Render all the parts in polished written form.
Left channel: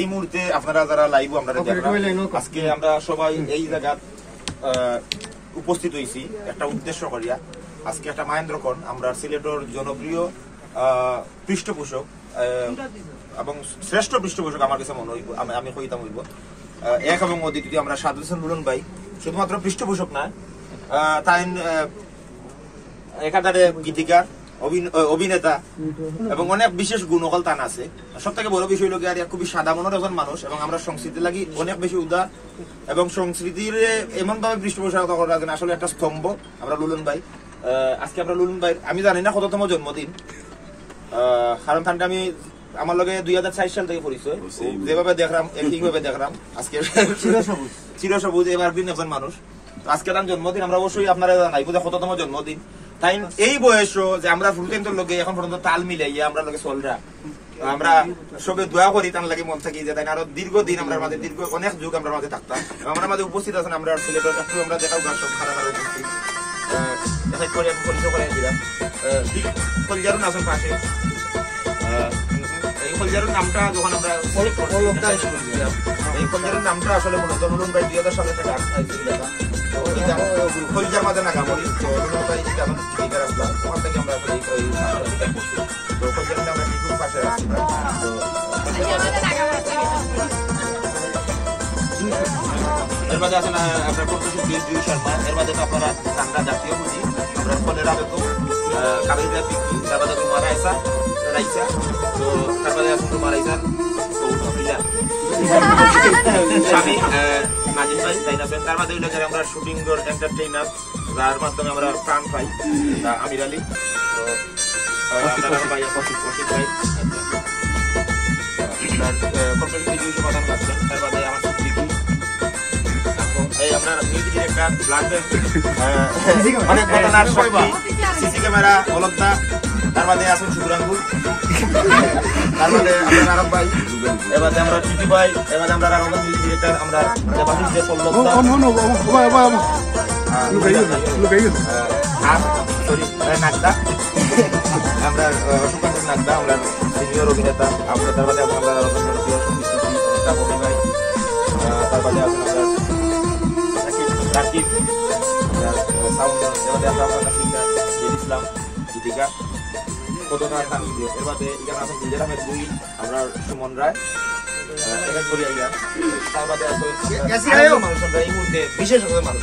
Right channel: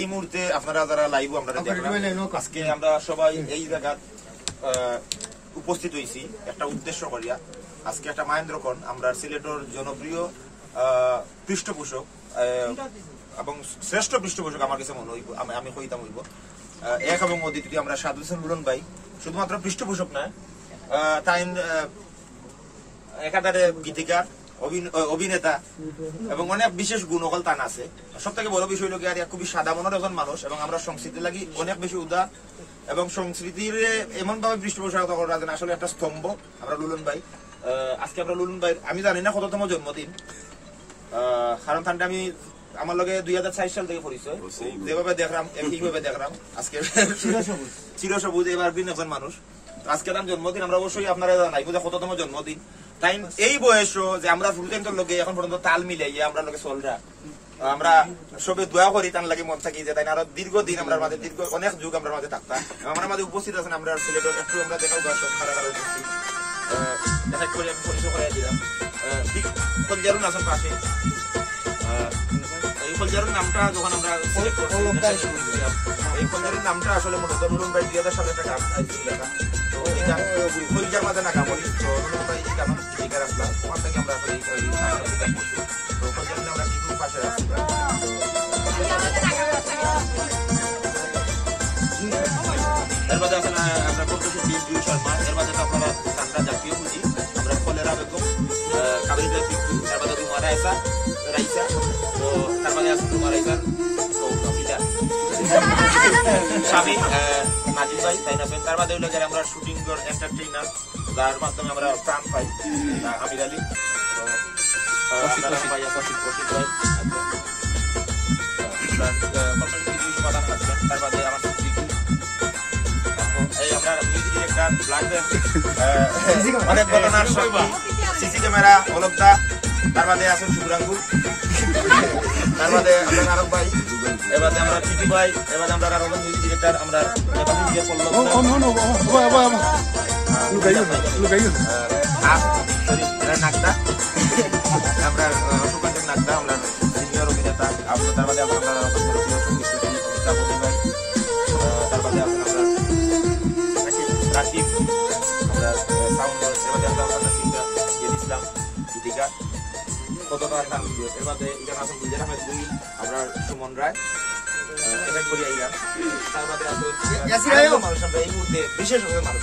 এই মুহূর্তে আপনারা যারা লাইভ আপনারা দেখলাম, আজকে আমরা সবাই এই জায়গা উপস্থিত হয়েছি একটা উদ্দেশ্য করিয়া। আজকে একটা মহেন্দ্রক্ষণ আমরা সিলেটের জনপ্রিয় পৃষ্ঠপোষক এবং শ্রেষ্ঠ পৃষ্ঠপোষক আমার কাছে মনে হইব, আমি কইতাম হইব এক এবং অদ্বিতীয় আমরা সাদুল হোসেন লুলন ভাই শুধুমাত্র পৃষ্ঠপোষক না, তাই একাধারে গীতিকার, অভিনেতা এবং অনেক বিশেষ গুণকল তান আছে। সব থেকে বড় বিষয় লোক খুবই সাদা মনের একজন মানুষ এবং আমরা সংস্কৃতি লাগি অনেক বেশি উদার এবং সংস্কৃতির এমন ভাবে পৃষ্ঠপোষকতা করা আসলে একটা স্তম্ভ আমরা লুলন ভাই। আজকে আমরা লুলন ভাই আমি জানি না কততম জন্মদিন, কারণ তানটা আমি আমার লগে 2004 সাল থেকে পরিচয়, যেভাবে দেখলাম একইভাবে দেখলাম আজকে চিরসবুজ এবার ভিন্ন একজন মানুষ। আজকে তার জন্মদিন, আমরা অবশ্যই আপনারা জানাই কততম জন্মদিন। তাই এই বয়স যে আমরা ফুলকেন্দ্র লোকে এখন পর্যন্ত তাল মিলাইয়া আমরা লোকে চলরা, আমরা সবে দোয়া করি তার লাগে মন থাকি যে তাই আরো দীর্ঘদিন আমরা মাঝে দীর্ঘ অনেক যুগ আমরা মাঝে থাকতাম। আমরা মাঝে উপস্থিত আছেন আমরা সিলেটের একটু আমরা দেখাও সব খারাপ খারাপ উপস্থিত করে আমি পরিচয় করাই দিলাম। কলজারুন আছেন পাশে, এই কলজারুর নামটা যখন আমরা এই কলজারুর নামটা আসলে মূলত লুলন ভাই 2000 সালে একটা গান আইছিল লেখা, তো এই গান কলজার মাঝে না গামরি, তো লুলন ভাই এই গান লিখার আসলাম ওখান থেকে আমরা আসলে এই নামটা করছি। তো কলজারুর নামটা খুব পাশে রাখছি। তো এর মধ্যে আছেন আপনার প্রফেসর বি শর্মা, এর মধ্যে আপনারা গানটা জাতীয় বুঝি আমরা ফলেরা বেগম, কাবিরা পিকি, তার মধ্যে তোমার রাইসা, তো তার মধ্যে আছে তোমার রাইসার স্বামী নাজিম ভাই, তার মধ্যে আমরা শুটিং এন্টারটেইনার যার মাধ্যমে আমরা প্রাণ পাই আমির আলী, ভাই সমাধান আসছেন। তার বাদে আমার এই আপনার মিউজিক ডিরেক্টর ব্লাড ব্যাংক অনেক ঘটনার সাক্ষী, সিসি ক্যামেরা অলকদা, তার বাদে আছেন শুভরাঙ্গু, তার বাদে আমরা নারক ভাই, এবারে আমরা চুটি ভাই, এবারে আমরা আরো মিউজিক ডিরেক্টর আমরা নাকদা, আমরা সুকান্ত নাকদা, আমরা সিনিয়র অভিনেতা, আমরা তার বাদে আমরা ভাই, তার বাদে আছেন আমরা রাকিব, আমরা সাউন্ড, এবারে আমরা আপনার সিঙ্গার ইসলাম গীতিকা কতটা নাম ভিডিও, এর বাদে এখানে আছেন বিজয় আহমেদ দুই, আমরা সুমন রায় এক করি আইলাম, তার বাদে আছে মানুষ আমরা এই মুহূর্তে বিশেষ মানুষ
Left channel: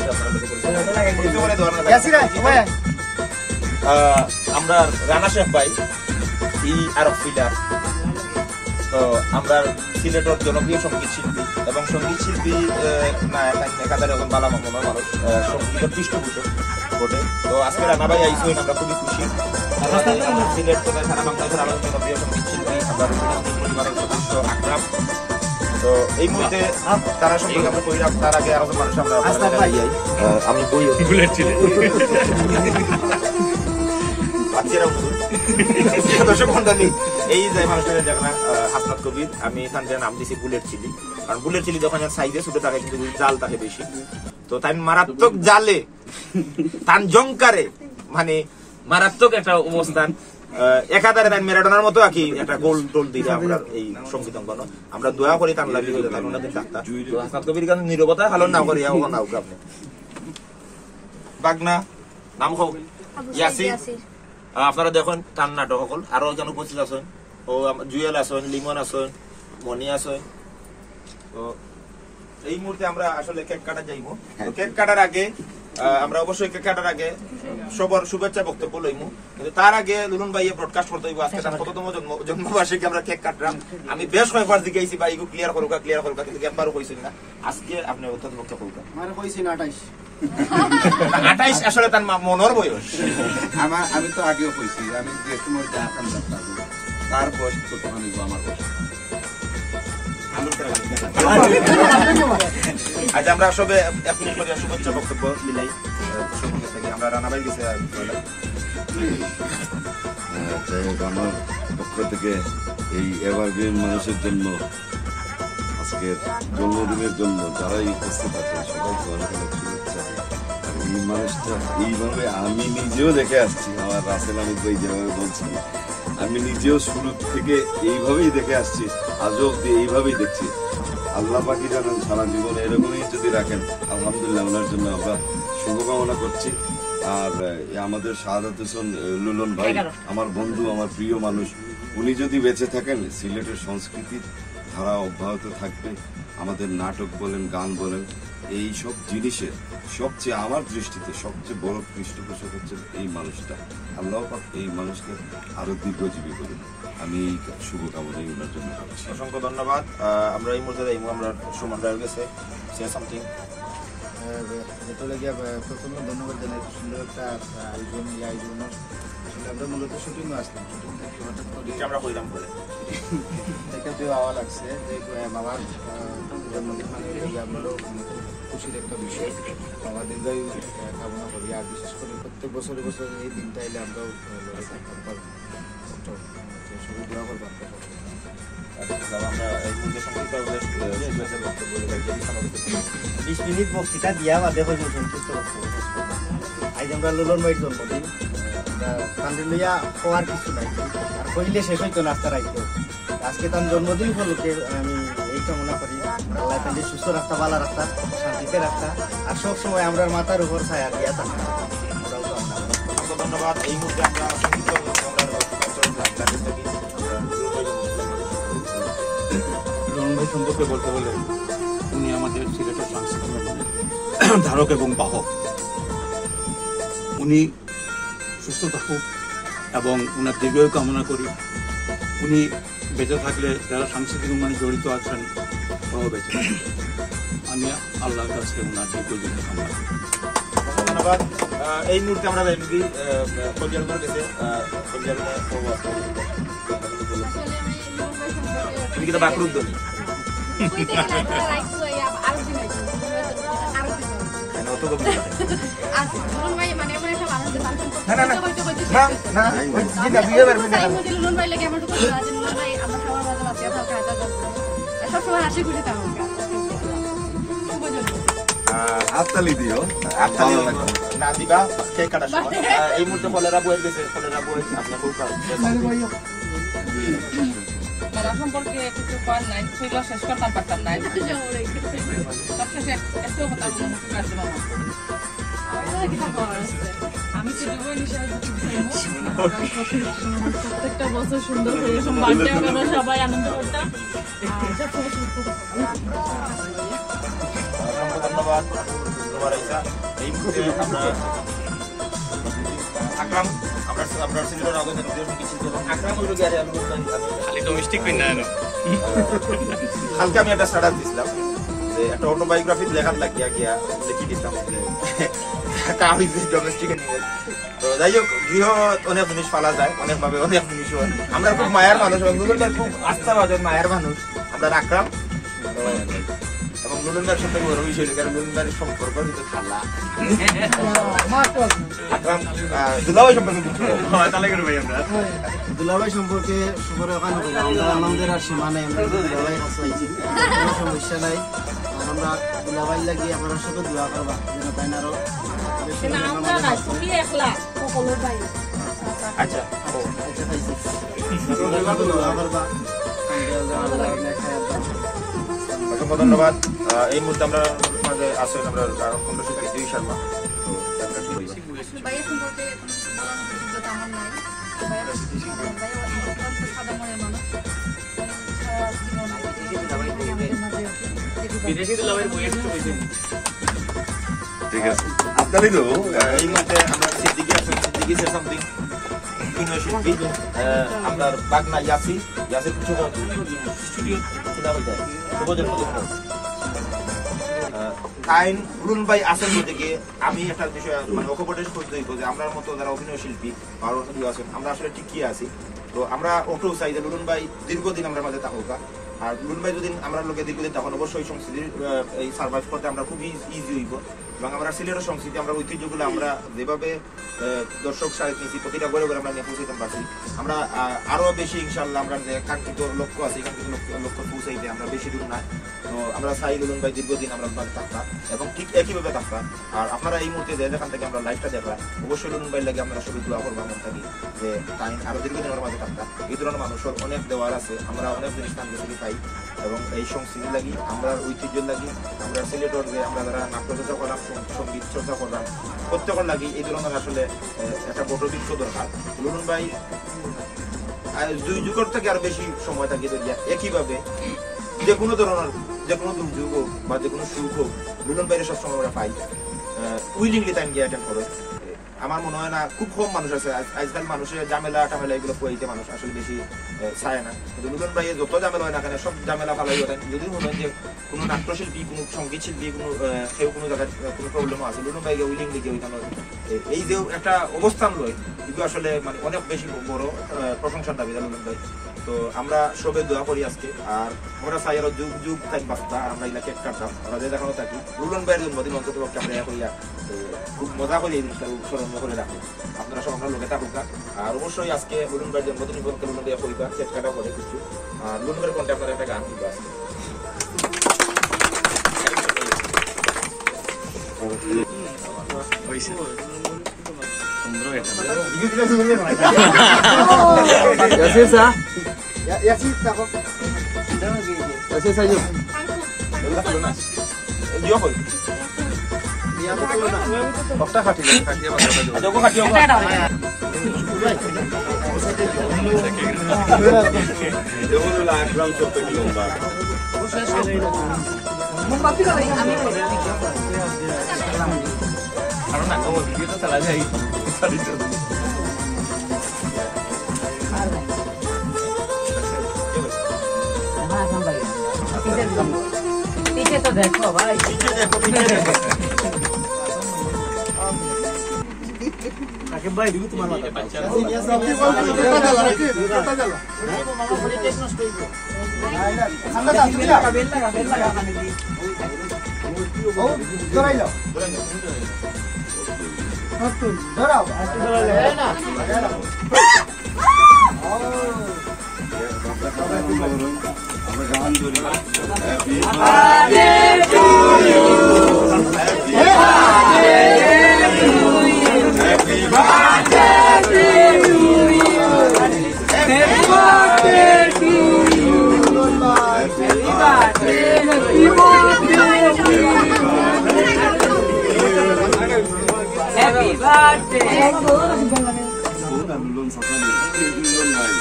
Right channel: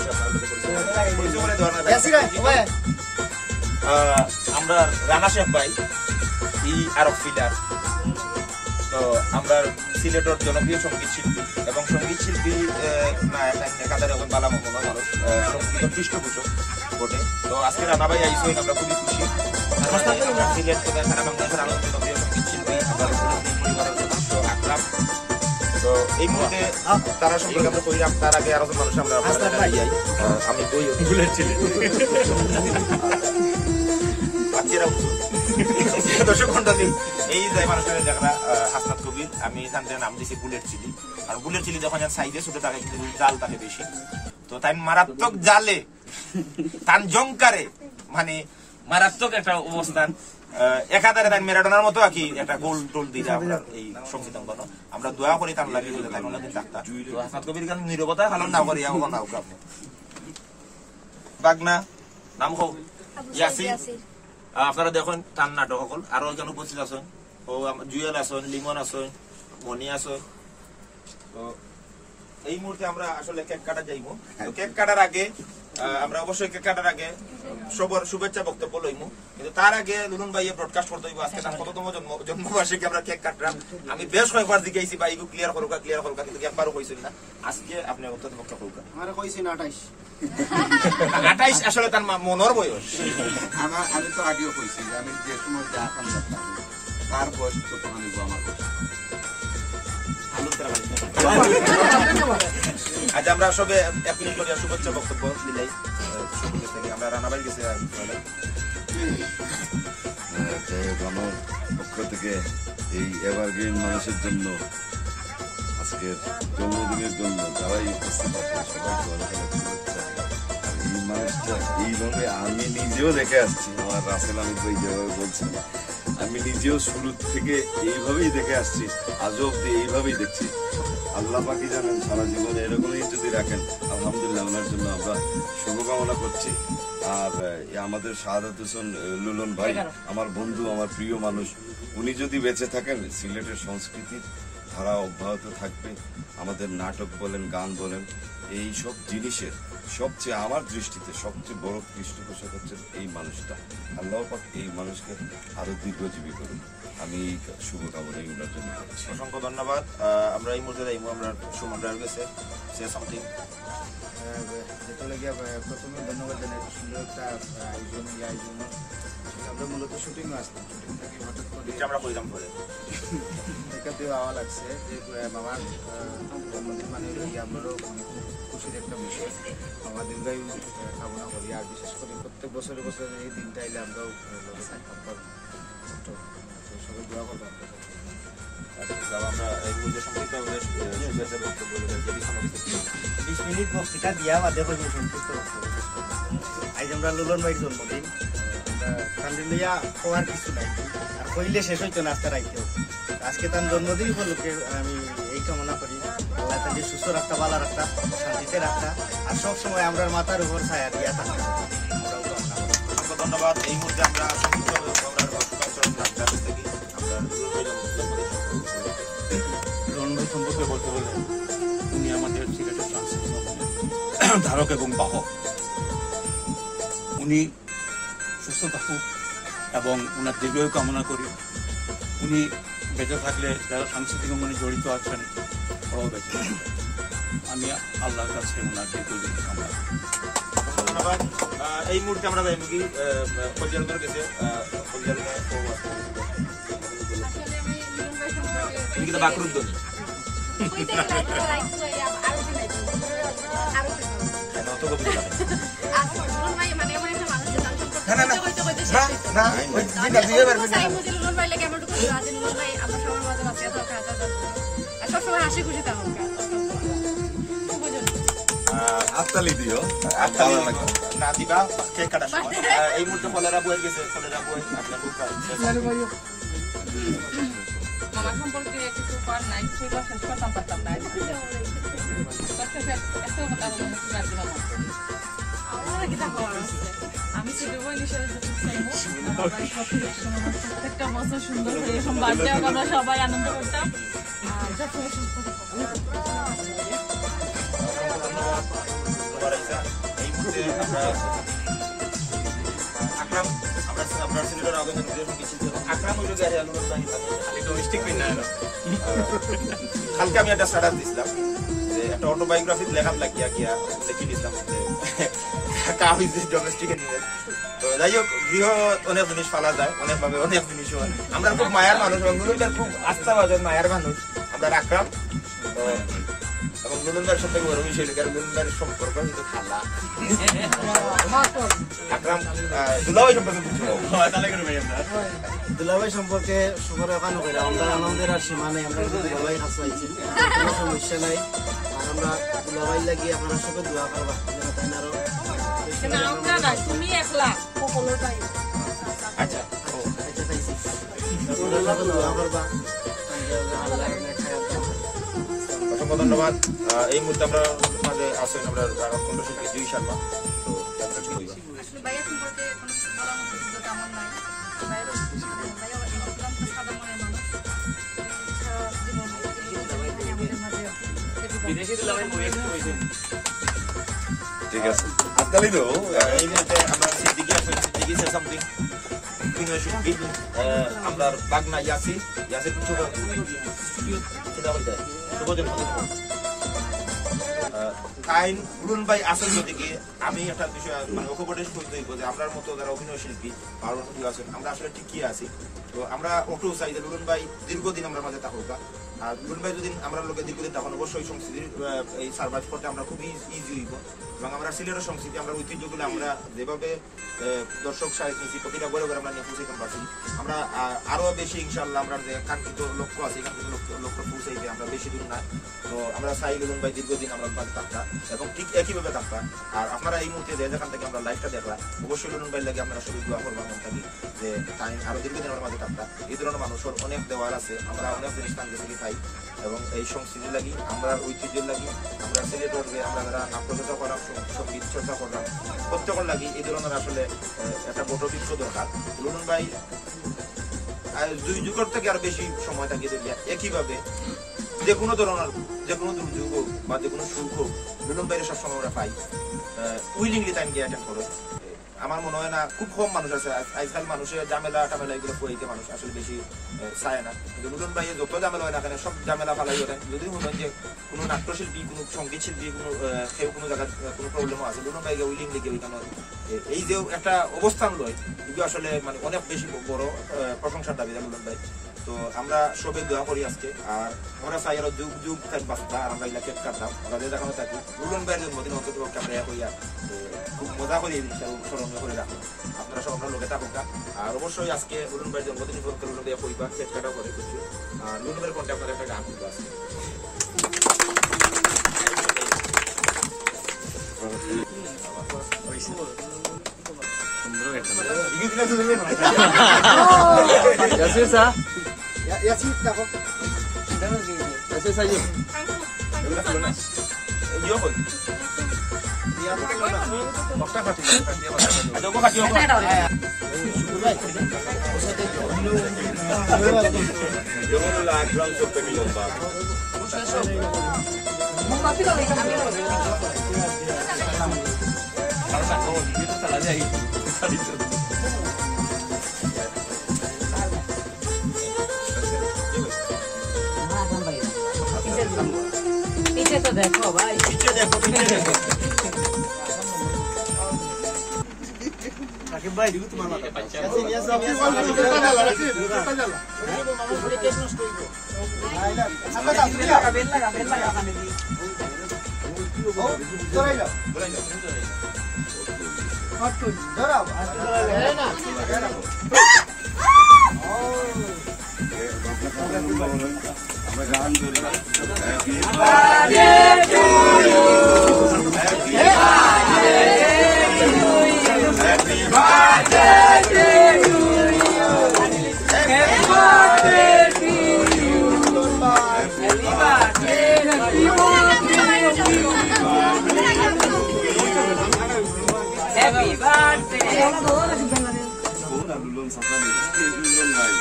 আমরা রানা শেখ ভাই ই আরব ফিলার, তো আমরা সিলেটের জনপ্রিয় সঙ্গীত শিল্পী এবং সঙ্গীত শিল্পী না একাধারে এখন বালা মহম্মদ মানুষ সঙ্গীতের পৃষ্ঠপোষক বটে। তো আজকে রানা ভাই আইসেন, আমরা খুবই খুশি। আমরা সিলেট কোথায় সারা বাংলাদেশের আরো জনপ্রিয় সঙ্গীত শিল্পী আমরা পরিবারের সদস্য আকরাম, তো এই মুহূর্তে তারা সম্পর্কে আমরা কইলাম, তার আগে আরো মানুষ আমরা আমি বই বুলেট ছিল বাচ্চারা দর্শক মন্ডলী এই যে মানুষটা দেখা হাসনাত কবির, আমি এখানে নাম দিয়েছি বুলেট চিলি, কারণ বুলেট চিলি যখন সাইজে ছোট থাকে কিন্তু জাল থাকে বেশি, তো তাই মারাত্মক জালে তান জংকারে মানে মারাত্মক একটা অবস্থান, একাধারে তাই ম্যারাডোনার মতো আর কি একটা গোল টোল দিয়ে আমরা এই সঙ্গীত অঙ্গন আমরা দোয়া করি তার লাগি হইলে তাই ওনাদের ডাক্তার। তো হাসনাত কবির গান নীরবতা ভালো নাও করি এখন নাও আপনি বাগনা নাম হোক ইয়াসির, আপনারা দেখুন তার নাটক সকল আরো একজন উপস্থিত আছেন, ও জুয়েল আছেন, লিমন আছেন, মনি আছেন। তো এই মুহূর্তে আমরা আসলে কেক কাটা যাইব, তো কেক কাটার আগে আমরা অবশ্যই কেক কাটার আগে সবার শুভেচ্ছা বক্তব্য লইমু, কিন্তু তার আগে লুলন ভাইয়ে ব্রডকাস্ট করতে হইব আজকে তার কততম জন্মবার্ষিকী আমরা কেক কাটলাম। আমি বেশ কয়েকবার দিকে আইছি ভাই ক্লিয়ার করুকা কিন্তু একবারও কইছেন না, আজকে আপনি অত্যন্ত মুখ্য করুকা আমার কইছেন 28 আসলে তার মনের বয়স, আমি তো আগেও কইছি আমি যে সময় যা কাম করতাম তার বয়স তো তখন আমার বয়স। আচ্ছা আমরা সবে 1 মিনিট করে শুভেচ্ছা বক্তব্য দিলাই, আমরা রানা ভাই গেছে যাই হোক আমার পক্ষ থেকে এই এভারগ্রিন মানুষের জন্য আজকের জন্মদিনের জন্য যারাই উপস্থিত আছেন সবাইকে অনেক অনেক শুভেচ্ছা। আর এই মানুষটা এইভাবে আমি নিজেও দেখে আসছি, আমার রাসেল আমির ভাই যেভাবে বলছেন আমি নিজেও শুরু থেকে এইভাবেই দেখে আসছি, আজও অব্দি এইভাবেই দেখছি। আল্লাহ পাকি জানেন সারা জীবনে এরকমই যদি রাখেন, আলহামদুলিল্লাহ ওনার জন্য আমরা শুভকামনা করছি। আর আমাদের শাহাদাত হোসেন লুলন ভাই আমার বন্ধু, আমার প্রিয় মানুষ, উনি যদি বেঁচে থাকেন সিলেটের সংস্কৃতির ধারা অব্যাহত থাকবে। আমাদের নাটক বলেন, গান বলেন, এই সব জিনিসের সবচেয়ে আমার দৃষ্টিতে সবচেয়ে বড় পৃষ্ঠপোষক হচ্ছেন এই মানুষটা। আল্লাহ পাক এই মানুষকে আরো দীর্ঘজীবী করুন, আমি এই শুভকামনা ওনার জন্য করছি। অসংখ্য ধন্যবাদ। আমরা এই মুহূর্তে আমরা সুমন রায়ের কাছে সে সামথিং। যেটা লাগে প্রথমে ধন্যবাদ জানাই, সুন্দর একটা আয়োজন। এই আয়োজন আসলে আমরা মূলত শুটিংও আসলাম, শুটিং থেকে হঠাৎ করে আমরা কইলাম বলে এটা দিয়ে আওয়া লাগছে যে বাবার জন্মদিন মানে আমারও মানে খুব খুশির একটা বিষয়। বাবা দীর্ঘায়ু কামনা করি, আর বিশেষ করে প্রত্যেক বছরে বছরে এই দিনটা এলে আমরাও লড়ে থাকতাম পারবো। সবাই দোয়া করবো আপনার আমরা এই মুহূর্তে সংক্ষিপ্ত বক্তব্য 20 মিনিট বক্তৃতা দিয়া বাদে হয়ে সংক্ষিপ্ত বক্তব্য শেষ করবো। আজ আমরা লুলন ভাইয়ের জন্মদিন, আমরা কান্দি লইয়া হওয়ার কিছু নাই, আর কইলে শেষ হইতো নাস্তা রাইতেও। আজকে তার জন্মদিন উপলক্ষে আমি এই কামনা করি আল্লাহ তাকে সুস্থ রাখতা, ভালো রাখতা, শান্তিতে রাখতা, আর সবসময় আমরা মাথার উপর ছায়া দিয়া থাকতা। আমরাও কামনা করি। অসংখ্য ধন্যবাদ। এই মুহূর্তে আমরা সংক্ষিপ্ত লুলন ভাই সম্পর্কে বলতে বলে, উনি আমাদের সিলেটের সাংস্কৃতিক ধারক এবং বাহক। উনি সুস্থ থাকুক এবং উনার দীর্ঘায়ু কামনা করি। উনি বেঁচে থাকলে যারা সাংস্কৃতিক উন্নয়নে জড়িত আছেন ওরাও বেঁচে থাকবে। আমি আল্লাহর কাছে উনার দীর্ঘায়ু কামনা করি। ধন্যবাদ। এই মুহূর্তে আমরা পর্যালোচনার কাছে বাকরুদ্দিন সবসময় হাসি খুশি থাকুক। হাততালি দিও, ভালো লাগবে না দিবা কেক কাটার সময়। এই মুহূর্তে কলেরা বয়ে গেছে, কলেরা বয়ে আপনার খুব বাবা সম্পর্কে কিছু কর নাই, সেগুলো শেষ করতাম পারতাম না। সবশেষে একটা কথা আমি প্রত্যেকটা বছর সুন্দর করে এরকম বার্থডে আমরা সবাই আনন্দ করতাম। ধন্যবাদ। এই মুহূর্তে আমরা আকরাম, আমরা সিলেটের আগে আকরাম খালি ডোমেস্টিক কালকে আমি একটা স্ট্যাটাস দিছিলাম যে একটা অটোবায়োগ্রাফি লেখার লাগিয়া গিয়া লিখি দিতাম আমি ডোমেস্টিকে নিয়ে। তো যাই হোক, গৃহ অনেক জিনিস পালা যায়, অনেক ভাবে অনেক জিনিস। আমরা খুব মায়ার মানুষ এবং লুলুনদার খুব আস্থাভাজন মায়ার মানুষ আমরা আকরাম। এবং লুলুনদার সম্পর্কে বড় বিষয় কারণ লুলুনদার সম্পর্ক কিন্তু খালা আকরাম দুলাভাই সম্পর্কে কিছু তাহলে ভাই আমরা দুলাভাই সম্পর্কে শুভর ওখানে আমরা আনন্দের আর সীমা নেই। আমরা দুলাভাই হাসলাইছি, কোনো সমস্যা নাই। আর আমরা দুলাভাই লাগিয়ে আপনার সাথে দোয়া করবা যেন তাই আরো আচ্ছা খাইছি দোয়া করবা। অসংখ্য ধন্যবাদ। এই মুহূর্তে আমরা আসেন আমরা দুই শর্মা। ভাইয়া সম্পর্কে কোনো কিছু বলার মতো যোগ্যতা আমার নাই। সাদা মনের মানুষ, ঠিক আছে, হাততালি দেবো। এই মুহূর্তে আমরা সিদ্দিকি সামথিং শিল্পী আপনার বাগনা ইয়াসির কিছু স্টুডিও সেটা হইতে শুভ জন্মদিন। আইন রুন ভাই আসেন থেকে আমি একটা বিষয় মানে অকপটের খোঁজ দেখবো যে আমরা মতো যারা অভিনয় শিল্পী আছেন আমরা আসলে ঠিক কি আছি। তো আমরা অটো চাই যে রুন ভাই দীর্ঘদিন আমরা মাঝে থাকুক, আর লুলুন ভাই যদি আমরা লোকে দীর্ঘদিন তখন অবশ্যই সংস্কৃতির এই সার্ভাইভ করতে আমরা খুব ইজি হইব এবং আমরা সিলেটের সংস্কৃতি আমরা ঐতিহ্যগুলো আমরা যেভাবে দর্শক সাহিত্য নিয়েছি প্রতিটা ঘরে ঘরে আমরা নিয়ে পৌঁছাইতে পারছি আমরা আরো বেশি ইনশাল্লাহ আমরা যে কাঙ্ক্ষিত লক্ষ্য আছে কাঙ্ক্ষিত লক্ষ্য পৌঁছাইতে আমরা বেশি দূর না তো আমরা চাই লুলুন ভাই দীর্ঘদিন আমরা থাকতাম এবং ঠিক একইভাবে থাকতাম আর আপনারা এই মুহূর্তে যেখান থেকে আমরা লাইভটা দেখলাম অবশ্যই লুলুন ভাই লাগে আমরা সবাই দোয়া করবো মন থাকি যে তাই আরো দীর্ঘদিন আমার মাঝে থাকতাম এই ধরনের মানুষের অনেক দেওয়ার আছে আমরা অনেক জিনিস নাম গেছি পাই এবং এই সংস্কৃতি লাগি আমরা ঐতিহ্যের লাগি আমরা সিলেটর যে আমরা যারা নাট্যচর্চা করলাম সঙ্গীত চর্চা করলাম প্রত্যেকের লাগি এই ধরনের আসলে একটা বটবৃক্ষ দরকার লুলুন ভাই দুই যুগের থেকে আর বেশি সময় থাকি একইভাবে যে কোনো ধরনের যে কোনো দুর্যোগ হোক বা যে কোনো সুখ হোক লুলুন ভাইয়ের সব সময় আমরা পাই উইলিংলি টাইম গিয়ে অ্যাটেন্ড করে আমার মনে হয় না খুব কম মানুষ আছে আজকাল মানুষের ঝামেলা টামেলা এগুলো পড়িতে মানুষ আসলে বেশি চায় না কিন্তু লুলুন ভাই যত ঝামেলা হয় না কেন সব ঝামেলা ফালাই ওঠেন যদি মনে হয় যে কোনো নাট্যশিল্পী কোনো সঙ্গীত শিল্পী কোনো কেউ কোনো জায়গায় কোনো প্রবলেম আছে লুলুন ভাই উইলিংলি গিয়ে ওইখানে এই যে একটা অবস্থান রয় এগুলো আসলে মানে অনেক বেশি বড় প্রশংসার দাবি লুলুন ভাই তো আমরা সবে দোয়া করি আজকে আর আমরা চাই আরো যুগ যুগ থাকি বাস্তা আর আমরা এগুলা কেক কাটতাম আমরা যে দেখানো থাকি লুলুন ভাইয়ের জন্মদিন অন্তত পক্ষে আমরা করিয়া খুব মজা করি এই জিনিসটা স্মরণীয় করে রাখবো আপনারা সব আমরা লোকে থাকুক আর অবশ্যই আজকে লুলুন ভাইয়ের জন্মদিন উপলক্ষে লুলুন ভাইয়া কইবা কেক কাটাও করে কিছু আর লুলুন ভাইয়ের কন্টে আপনারা একটা গান কিন্তু আসছে দেখো ভাই ভাই দিবি তোমার মাথা আমরা গান ধরি লুলুন সকালে লুলুন ভাই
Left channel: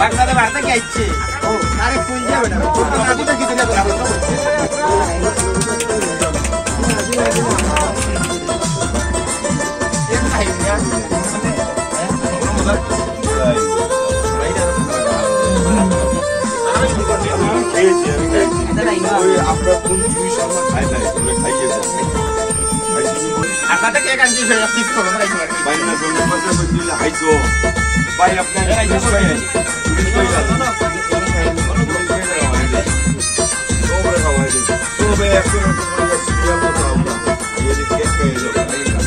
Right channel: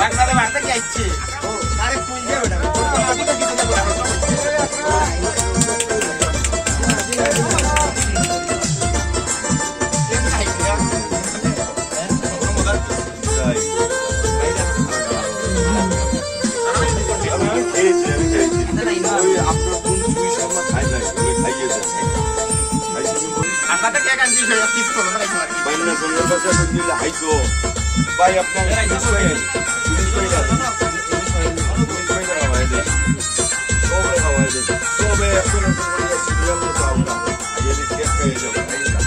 বাংলাদেশ বার্তা কি আসছে ও আরে কই যাবে না কোনটা কি দিতে যাবে আপনাদের কে কাঞ্জি পিস করো না বাইনা জন্য পাশে বইলে আইতো ভাই আপনারা আইছো sobre খাওয়াই দিই sobre এখন করে সিরিয়াল মতো আমরা আইয়ে দিকে পেয়ে যাব আইলা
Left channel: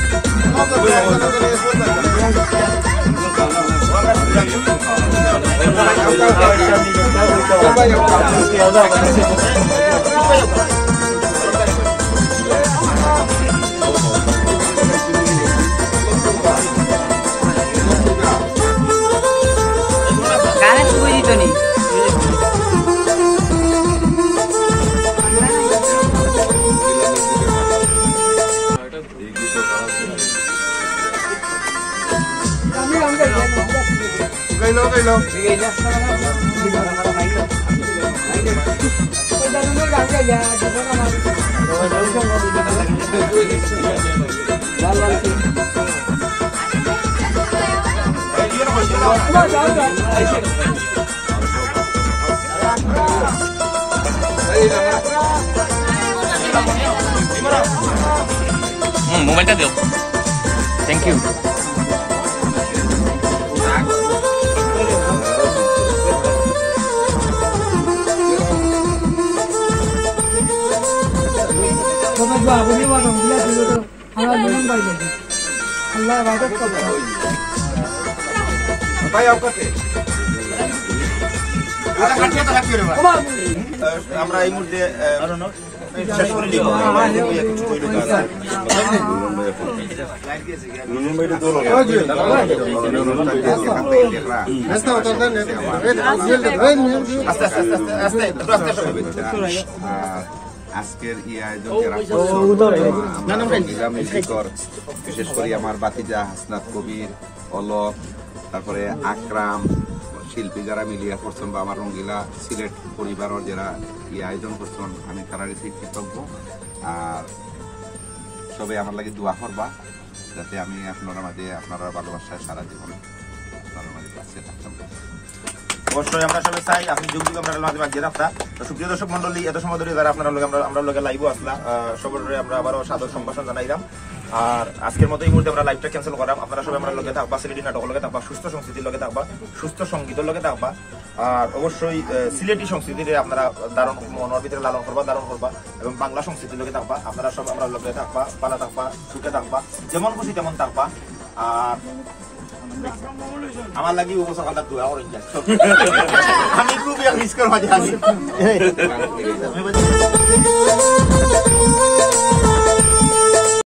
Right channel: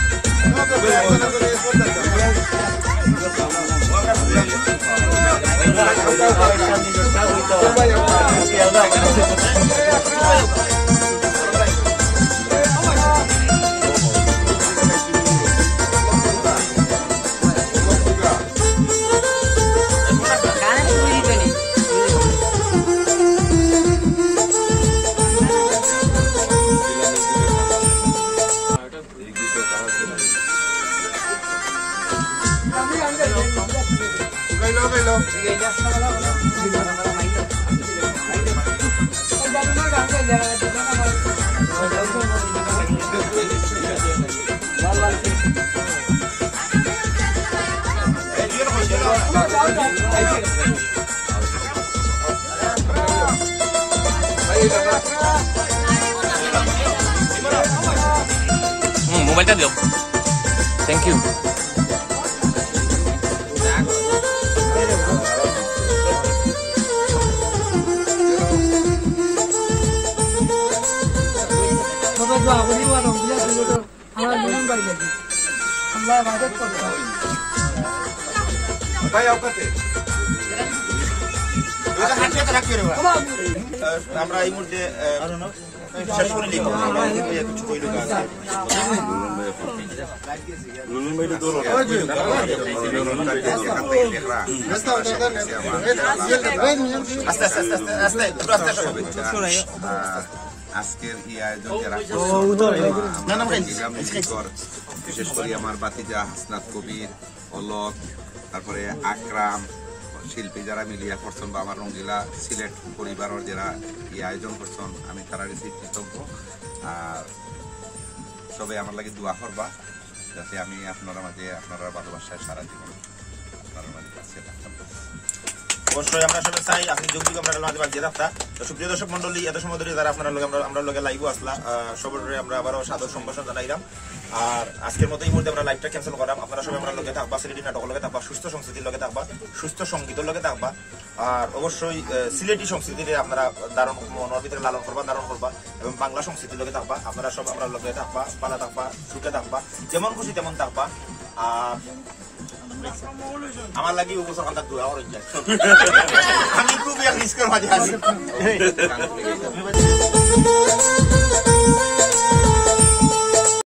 Hey, মোবাইলটা দিও। Thank you. ভাই আপনাকে আমরা এই মুহূর্তে শেষ করে নিব কিছু কইল আজকের এই আয়োজন যারা বিশেষ করে আমার বাতিজা হাসনাত কবির, অলোক, তারপরে আকরাম শিল্পী যারা মিলিয়া করছেন বা আমার রঙ্গিলা সিলেট পরিবারের যারা এই আয়োজন করছেন, আমি তারা কৃতজ্ঞ। আর সবাই আমার লাগে দোয়া করবা যাতে আমি আপনারা মাঝে আপনারা ভালোবাসায় সারা জীবন আপনার মাঝে কাছে থাকতাম। অবশ্যই আমরা সবাই চাই আপনি যুগ যুগ আমরা মাঝে বাগিয়ে থাকতা। তো সুপ্রিয় দর্শক মন্ডলী, এত সময় ধরে যারা আপনারা আমরা লগে লাইভও আসলা, সবাই আমরা আবারও সাদর সম্ভাষণ জানাইলাম। আর আজকের মতো এই মুহূর্তে আমরা লাইভটা ক্যান্সেল করাম। আপনারা সবাই আমরা লগে থাকবা, সিলেটি নাটকের লগে থাকবা, সুস্থ সংস্কৃতির লগে থাকবা, সুস্থ সঙ্গীতের লগে থাকবা। আর অবশ্যই সিলেটি সংস্কৃতির আপনারা দারুণ মনের ভিতরে লালন করবা, দারুণ করবা এবং বাংলা সংস্কৃতির লগে থাকবা। আপনারা সব আমরা লগে থাকবা, পালা থাকবা, সুখে থাকবা, যেমন খুশি তেমন থাকবা। আর আমার লাগি উপসর কান্দার দোয়া ওর আমি খুবই রিস্কের মাঝে আছি।